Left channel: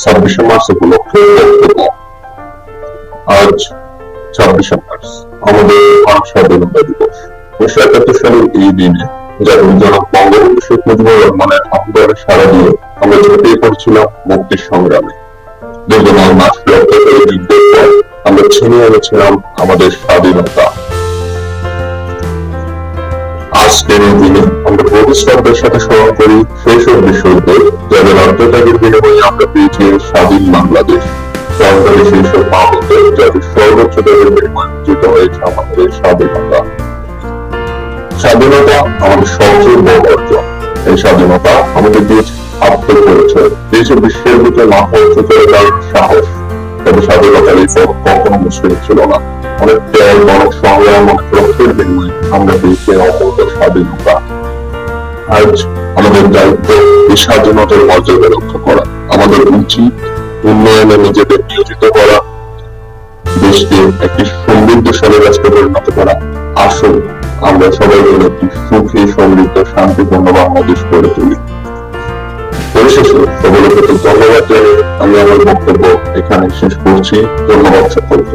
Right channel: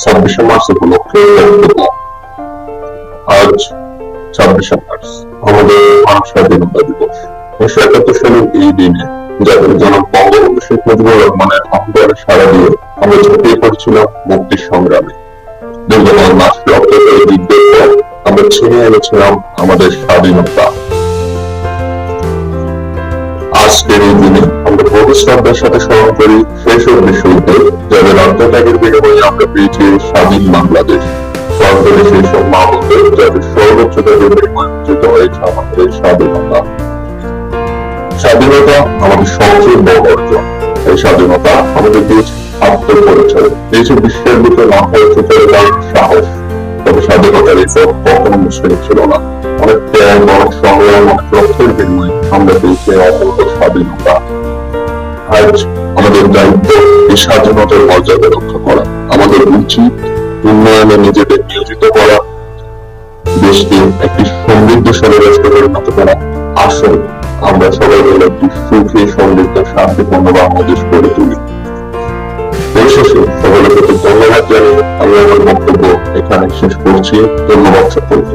26শে March উপলক্ষে বক্তব্য। আজ 26শে মার্চ আমাদের ভারত স্বাধীনতা দিবস। 1971 সালের এই দিনে জাতির জনক বঙ্গবন্ধু শেখ মুজিবুর রহমানের আহ্বানে সাড়া দিয়ে আমরা ঝাঁপিয়ে পড়ছিলাম মুক্তির সংগ্রামে। দীর্ঘ 9 মাস রক্তক্ষয়ী যুদ্ধের পর আমরা ছিনিয়ে এনেছিলাম আমাদের স্বাধীনতা। আজকের এই দিনে আমরা বহু শ্রদ্ধার সাথে স্মরণ করি সেই সব বিশ্বদের যাদের আত্মত্যাগের বিনিময়ে আমরা পেয়েছি স্বাধীন বাংলাদেশ। স্মরণ করি সেই সব মা বোনদের যাদের সর্বোচ্চ ত্যাগের বিনিময়ে অর্জিত হয়েছে আমাদের স্বাধীনতা। স্বাধীনতা আমাদের সবচেয়ে বড় অর্জন। এই স্বাধীনতা আমাদের দিয়েছে আত্মপরিচয়, দিয়েছে বিশ্বের বুকে মাথা উঁচু করে দাঁড়ানোর সাহস। তবে স্বাধীনতার এই পথ কখনো মুশকিল ছিল না। অনেক ত্যাগ, অনেক সংগ্রাম, অনেক রক্তের বিনিময়ে আমরা পেয়েছি অমূল্য স্বাধীনতা। আজ আমাদের দায়িত্ব এই স্বাধীনতার মর্যাদা রক্ষা করা। আমাদের উচিত উন্নয়নে নিজেদের নিয়োজিত করা, দেশকে একটি সমৃদ্ধশালী রাষ্ট্রে পরিণত করা। আসুন আমরা সবাই মিলে একটি সুখী, সমৃদ্ধ, শান্তিপূর্ণ বাংলাদেশ গড়ে তুলি। পরিশেষে সকলের প্রতি ধন্যবাদ জানিয়ে আমি আমার বক্তব্য এখানে শেষ করছি। ধন্যবাদ সকলকে।